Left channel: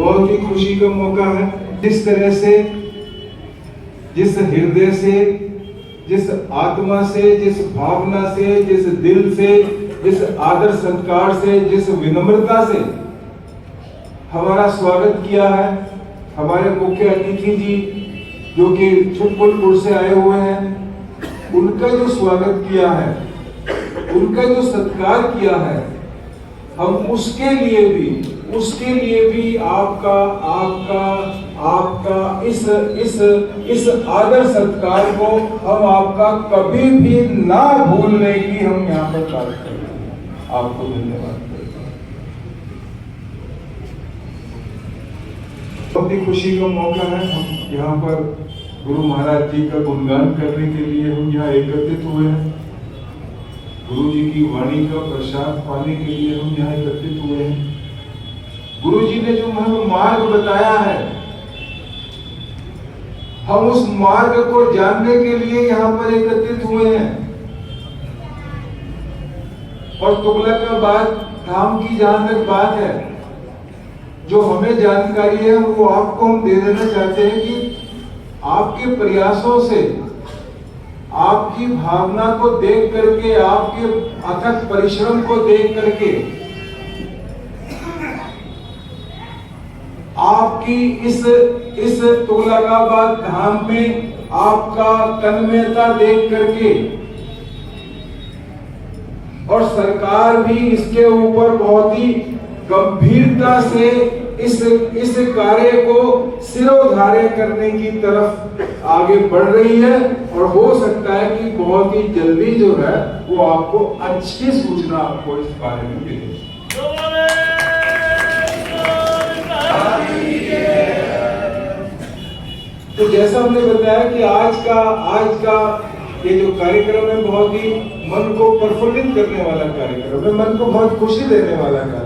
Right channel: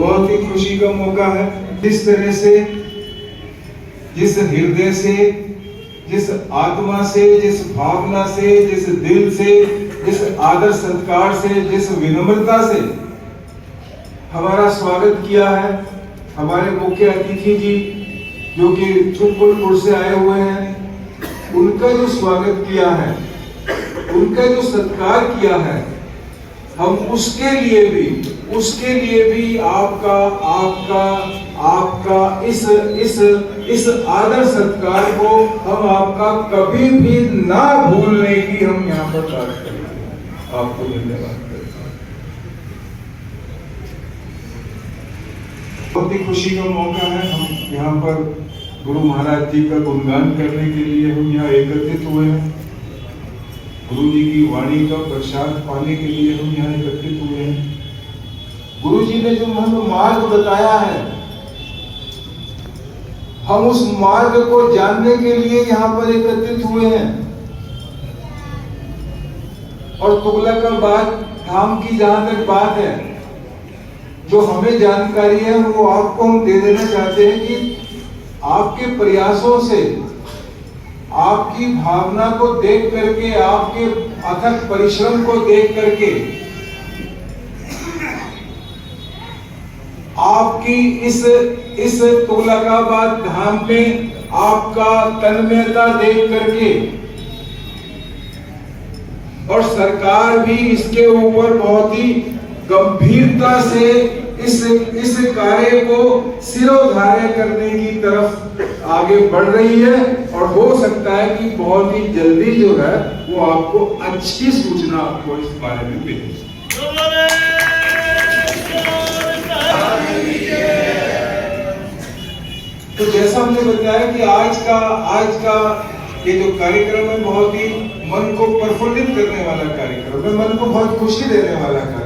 बहुत ही खुशी का मौका है। जिस तरह से, जिस हृदय से, जिस आत्मा से, जिस भावना से, जिस दिल से, जिस आदर सत्कार से, जिस विनम्रता से हमारा स्वागत किया है हमारे मुख्य अतिथि जी जो कि छुटपुर से आए हुए हैं, उनका जो स्वागत किया है, उनका जो सत्कार किया है, हम उसके लिए भी आपका इस आदर सत्कार को हम आपका कभी भी ना भूलने की हम यहाँ पर बात करेंगे। आपको धन्यवाद करता हूँ। बहुत ही खुशी का मौका है। हम यहाँ पर गुरु महाराज जी का गुणगान करने के लिए हम यहाँ एकत्रित हुए हैं। गुरु जी की वाणी का प्रसाद पाने के लिए हम यहाँ एकत्रित हुए हैं। गुरु जी ने जो हमें मार्ग बताया है, हम उस मार्ग को जानने के लिए यहाँ पर एकत्रित हुए हैं। और तुगलकाबाद धाम की जहां तक बात है, जो हमें जानकारी है वो आपको हम दे देना चाहते हैं कि आपके प्रयासों से, आपकी भावना को देख करके, आपके अथक परिश्रम को देख करके, आपकी इस तुगलकाबाद धाम में आपका तन्मयता देख करके, और सरकार भी इसके ऊपर बहुत ही गंभीरता से इस कार्य को सिरोधार्य करने की तरफ आगे बढ़ रही है। और हो सकता है कि बहुत ही जल्दी जो है वो आपको अच्छी सूचना आपको इस बारे में मिलेगी। तो जैसा हमने बताया कि आज का ये जो कार्यक्रम है बहुत ही मन को प्रफुल्लित करने वाला कार्यक्रम है, मन को बहुत खुशी देने वाला कार्यक्रम है।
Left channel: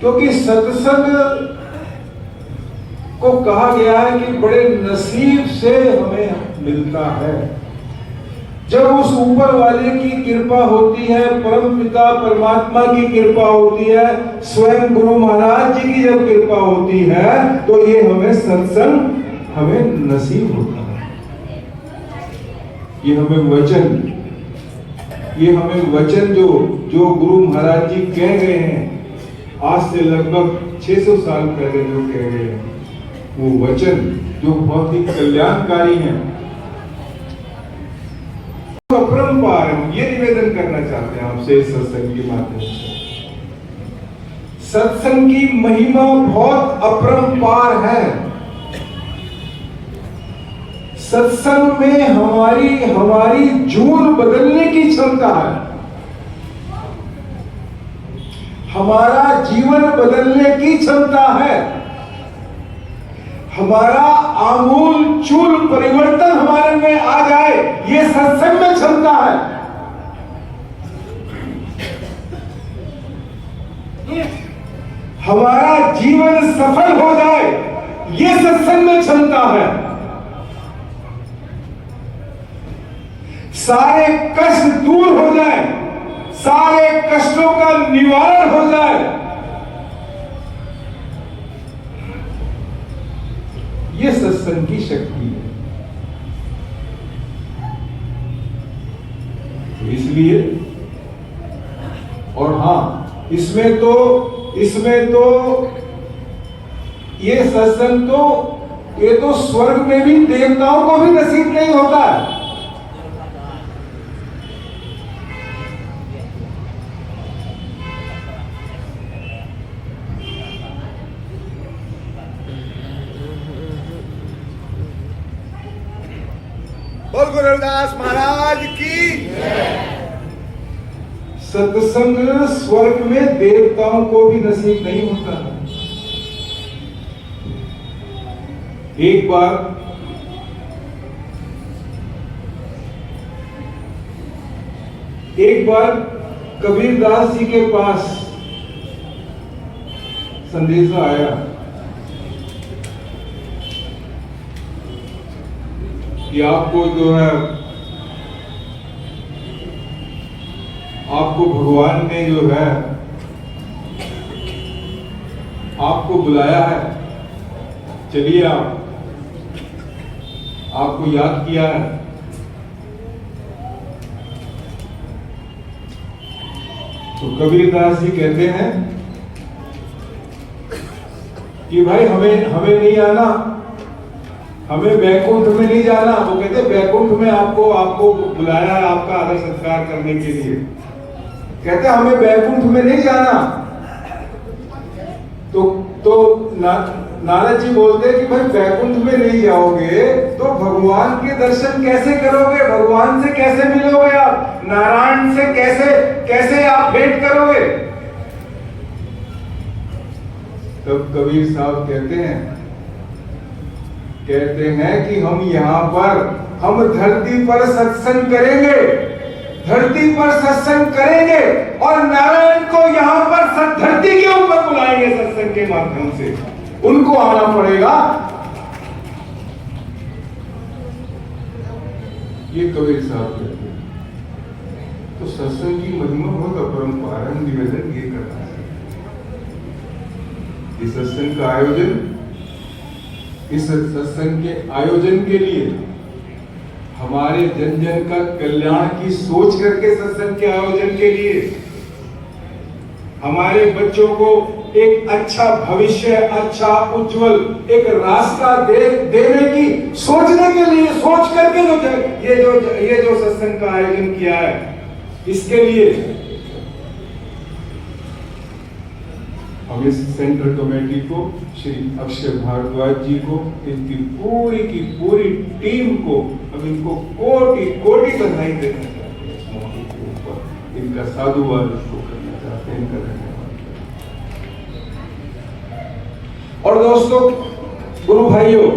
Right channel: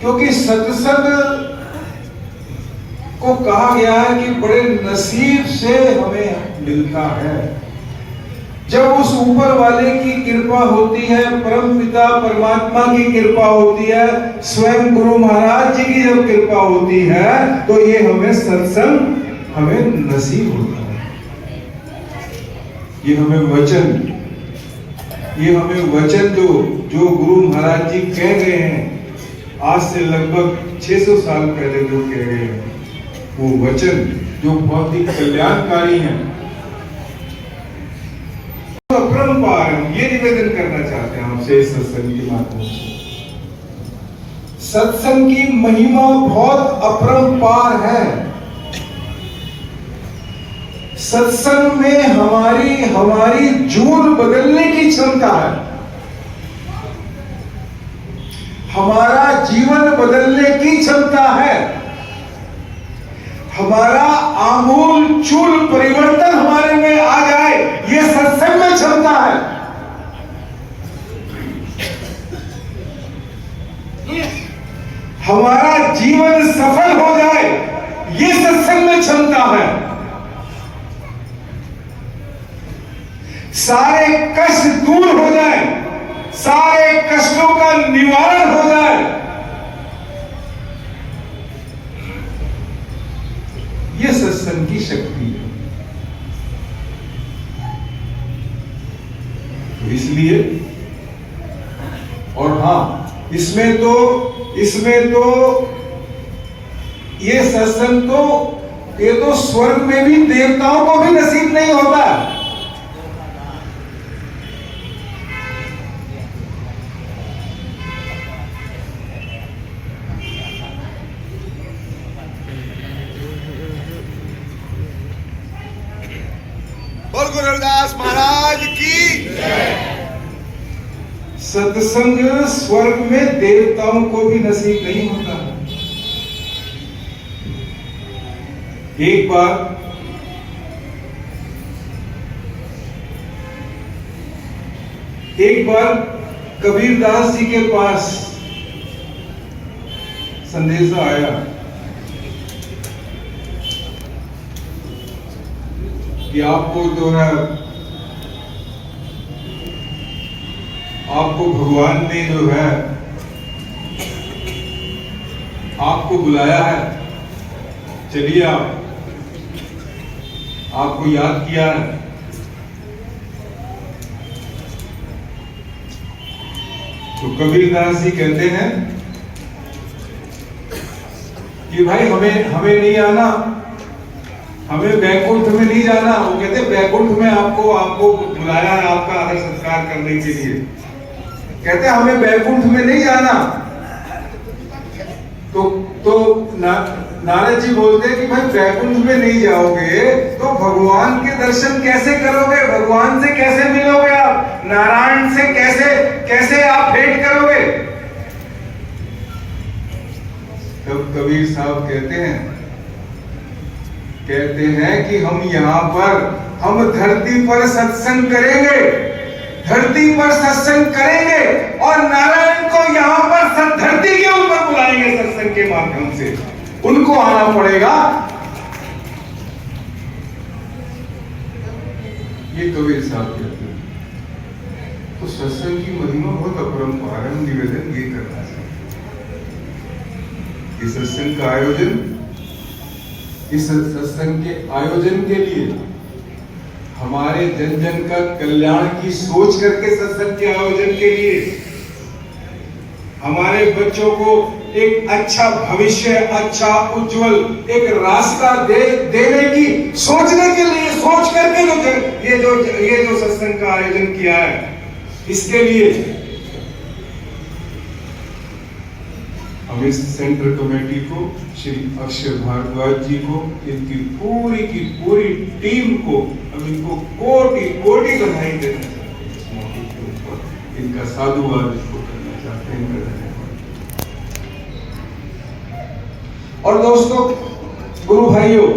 क्योंकि सत्संग को कहा गया है कि बड़े नसीब से हमें मिलता है। जब उस ऊपर वाले की कृपा होती है, परम पिता परमात्मा की कृपा होती है, स्वयं गुरु महाराज जी की जब कृपा होती है, तो ये हमें सत्संग हमें नसीब होता है। ये हमें वचन जो गुरु महाराज जी कह गए हैं, आज से लगभग 600 साल पहले जो कह गए हैं, वो वचन जो बहुत ही कल्याणकारी है, तो अपरंपार हम ये निवेदन करना चाहते हैं आपसे इस सत्संग के माध्यम से। सत्संग की महिमा बहुत अपरंपार है। सत्संग में हमारी जून बदलने की क्षमता है, हमारा जीवन बदलने की क्षमता है, हमारा आमूल चूल परिवर्तन हमारे में आ जाए, ये सत्संग में क्षमता है। हमारा जीवन सफल हो जाए, ये सत्संग में क्षमता है। सारे कष्ट दूर हो जाए, सारे कष्टों का निवारण हो जाए, ये सत्संग की शक्ति है। तो इसलिए, और हाँ, इसमें तो ये सत्संग ये तो स्वर्ग में भी देवताओं को भी नसीब नहीं होता है। बोल गुरु रविदास महाराज की। सत्संग स्वर्ग में देवताओं को भी नसीब नहीं होता है। एक बार कबीरदास जी के पास संदेशा आया कि आपको जो है, आपको भगवान ने जो है आपको बुलाया है, चलिए आपको याद किया है। तो कबीरदास जी कहते हैं कि भाई हमें नहीं आना, हमें बैकुंठ में नहीं जाना। वो कहते बैकुंठ में आपको बुलाया है आपका आदर सत्कार करने के लिए। कहते हमें बैकुंठ में नहीं जाना। तो नारद जी बोलते हैं कि भाई बैकुंठ में नहीं जाओगे तो भगवान के दर्शन कैसे करोगे, भगवान से कैसे मिलोगे आप, नारायण से कैसे आप भेंट करोगे। तब कबीर साहब कहते हैं कि हम धरती पर सत्संग करेंगे, धरती पर सत्संग करेंगे और नारायण को यहाँ पर धरती के ऊपर बुलाएंगे सत्संग के माध्यम से। उनको आना पड़ेगा। ये कबीर साहब कहते हैं। तो सत्संग की महिमा बहुत अपरंपरा है। निवेदन ये करना है, इस सत्संग का आयोजन, इस सत्संग के आयोजन के लिए हमारे जन जन का कल्याण की सोच करके सत्संग के आयोजन के लिए, हमारे बच्चों को एक अच्छा भविष्य, अच्छा उज्जवल एक रास्ता देने की सोचने के लिए, सोच करके ये जो सत्संग का आयोजन किया है, इसके लिए हम इस सेंट्रल कमेटी को, श्री अक्षय भारद्वाज जी को, इनकी पूरी की पूरी टीम को हम इनको कोटि बधाई देना चाहते हैं। इस मौके के ऊपर इनका साधुवाद इसको करना चाहते हैं। और दोस्तों, गुरु भाइयों,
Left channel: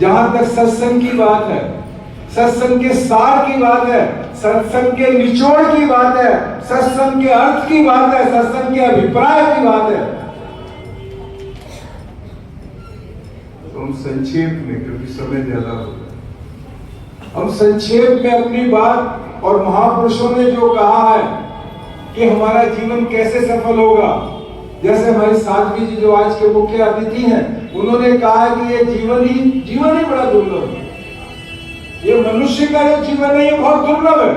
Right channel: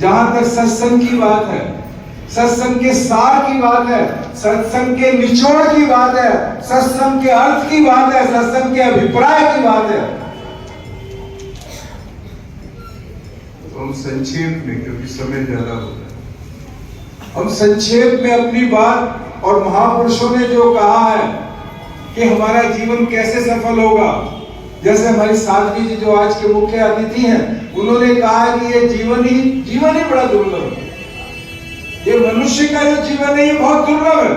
जहां तक सत्संग की बात है, सत्संग के सार की बात है, सत्संग के निचोड़ की बात है, सत्संग के अर्थ की बात है, सत्संग के अभिप्राय की बात है, तो हम संक्षेप में, क्योंकि समय ज्यादा हो गया, हम संक्षेप में अपनी बात और महापुरुषों ने जो कहा है कि हमारा जीवन कैसे सफल होगा, जैसे हमारी साध्वी जी जो आज के मुख्य अतिथि हैं, उन्होंने कहा कि ये जीवन ही बड़ा दुर्लभ है। ये मनुष्य का जो जीवन है ये बहुत दुर्लभ है।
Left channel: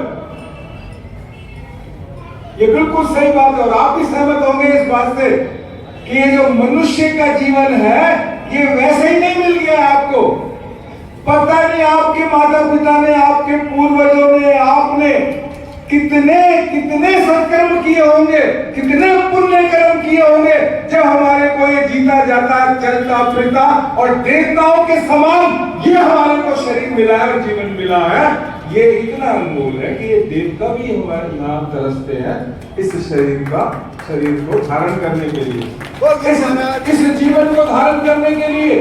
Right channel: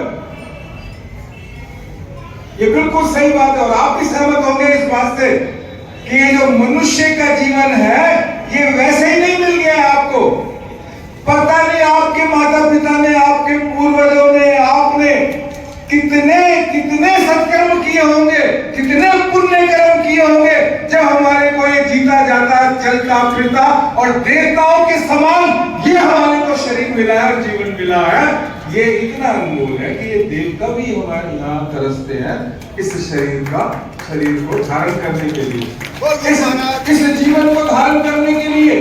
ये बिल्कुल सही बात है और आप भी सहमत होंगे इस बात से कि ये जो मनुष्य का जीवन है ये वैसे ही नहीं मिल गया आपको। पता नहीं आपके माता पिता ने, आपके पूर्वजों ने, आपने कितने सत्कर्म किए होंगे, कितने पुण्य कर्म किए होंगे, जब हमारे को ये जीता जाता, चलता फिरता और देवताओं के समान ये हमारे को शरीर मिला है और जीवन मिला है। ये इतना अनमोल है कि ये देवता भी हमारे नाम तरसते हैं इस शरीर को धारण करने के लिए, इस जीवन को धारण करने के लिए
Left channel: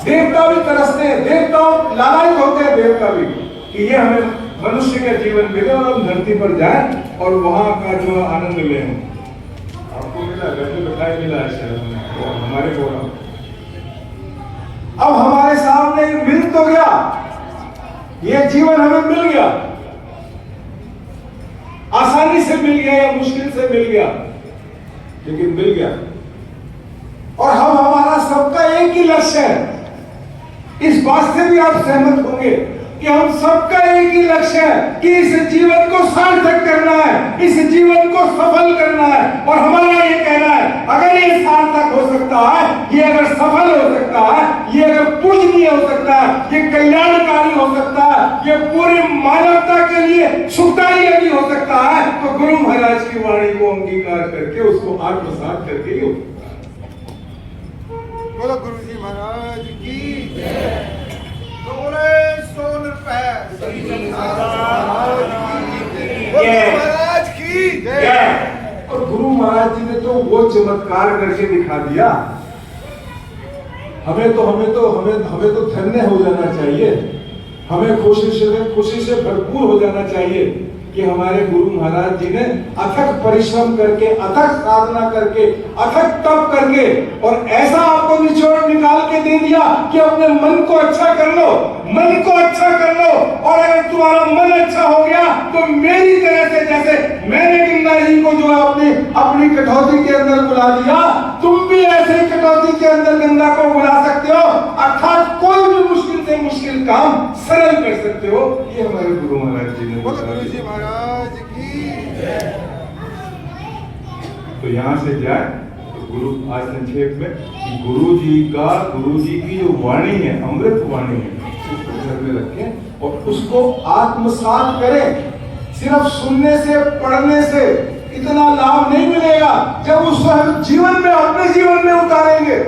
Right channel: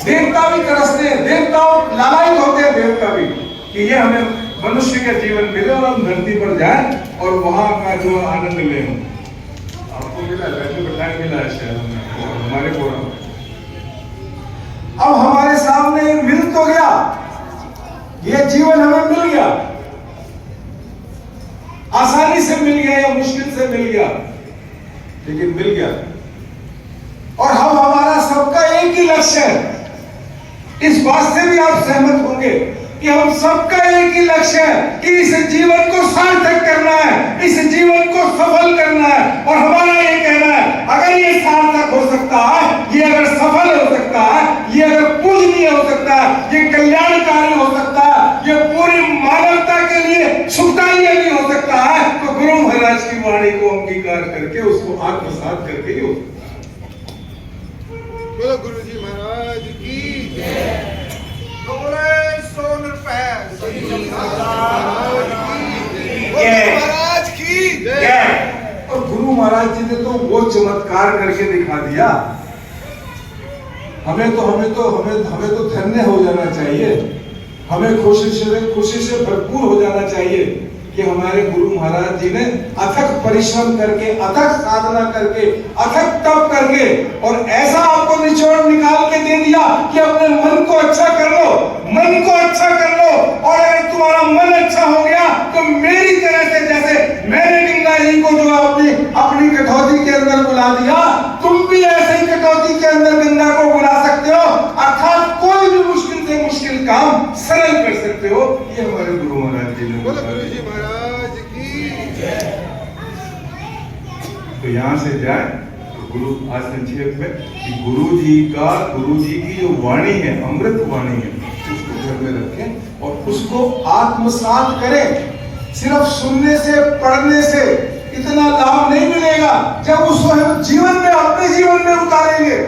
देवता भी तरसते हैं, देवताओं लालायित होते हैं, देवता भी कि ये हमें मनुष्य का जीवन मिले और हम धरती पर जाएं और वहां का जो आनंद ले। आपको मिला, बैठे बैठाए मिला है शायद हमारे को। अब हमारे सामने मिल तो गया, ये जीवन हमें मिल गया, आसानी से मिल गया या मुश्किल से मिल गया, लेकिन मिल गया। और हम, हमारा सबका एक ही लक्ष्य है। इस बात से भी आप सहमत होंगे कि हम सबका एक ही लक्ष्य है कि इस जीवन को सार्थक करना है, इस जीवन को सफल करना है। और हमारा ये कहना है, अगर ये सार्थक हो सकता है, ये अगर सफल हो सकता है, ये अगर पूजनीय हो सकता है, ये कल्याणकारी हो सकता है, ये पूरी मानवता के लिए सुखदायी भी हो सकता है, तो गुरु महाराज की वाणी को अंगीकार करके उसको आत्मसात करके ही हो सकता है। बोलो गुरु जी महाराज की जय। तो बोले सोन महाराज की जय। और गुरु महाराज जी ने तो वो चमत्कार करके दिखा दिया। हमें तो धन्य हो जाना चाहिए, हमें खुशी से भरपूर हो जाना चाहिए कि हमारे गुरु महाराज जी ने अथक परिश्रम करके, अथक साधना करके, अथक तप करके और ऐसा आपको निचोड़ निकाल के दे दिया कि अपने मन को अच्छा कर लो, मन को अच्छा कर लो। और अगर तुम्हारा मन अच्छा हो गया तो मेरी तरह से, जैसे मैंने गंगा जी को जो अपनी कटौती के अंदर बुला दिया, तुम भी ऐसे ही कटौती जी ने बोलो बता गुरु जी दिया। महाराज की तो यहाँ से जाए तो गुरु आज संक्षेप में कि गुरु जी की जो वाणी है, अमृत वाणी है, उसको घर में रखें और उसको आत्मसात करें। सिर्फ सुनने से, पढ़ने से इतना लाभ नहीं मिलेगा। जब उसको हम जीवन में, अपने जीवन में उतारेंगे,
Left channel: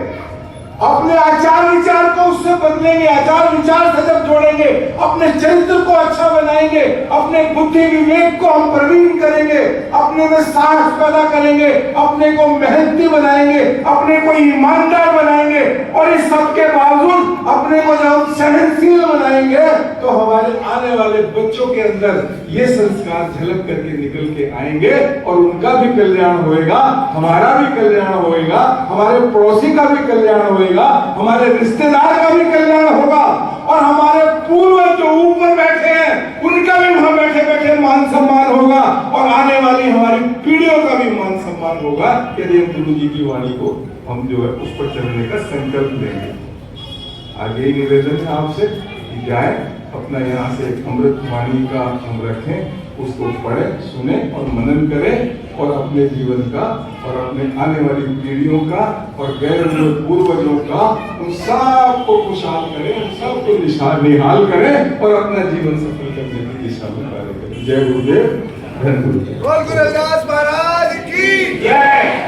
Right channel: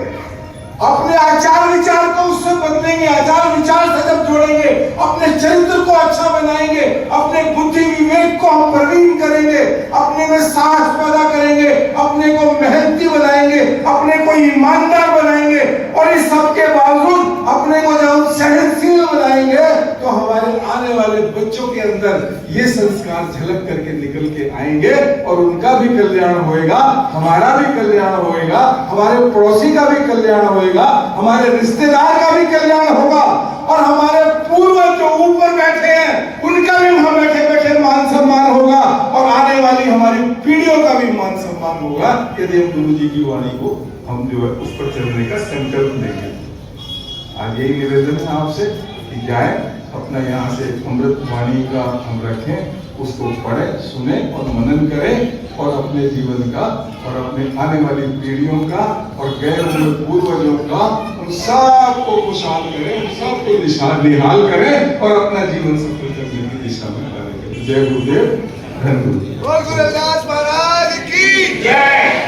अपने आचार विचार को उससे बदलेंगे, आचार विचार से जब जोड़ेंगे, अपने चरित्र को अच्छा बनाएंगे, अपने बुद्धि विवेक को हम प्रवीण करेंगे, अपने में साहस पैदा करेंगे, अपने को मेहनती बनाएंगे, अपने को ईमानदार बनाएंगे और इस सब के बावजूद अपने को जब सहनशील बनाएंगे तो हमारे आने वाले बच्चों के अंदर ये संस्कार झलक करके निकल के आएंगे और उनका भी कल्याण होएगा, हमारा भी कल्याण होएगा, हमारे पड़ोसी का भी कल्याण होएगा, हमारे रिश्तेदार का भी कल्याण होगा और हमारे पूर्वज जो ऊपर बैठे हैं उनका भी वहां बैठे बैठे मान सम्मान होगा और आने वाली हमारी पीढ़ियों का भी मान सम्मान होगा यदि हम गुरु जी की वाणी को हम जो है उस पर चलने का संकल्प लेंगे। आगे ही निवेदन है आपसे कि जाए अपना यहाँ से अमृत वाणी का हम रखें, उसको पढ़ें, सुने और मनन करें और अपने जीवन का और अपने आने वाली पीढ़ियों का और गए हुए पूर्वजों का उन सबको खुशहाल करें, उन सबको निहाल करें और अपना जीवन सफल करने की दिशा में कार्य करें। जय गुरुदेव, धन्य गुरुदेव। बोल गुरु रविदास महाराज की जय।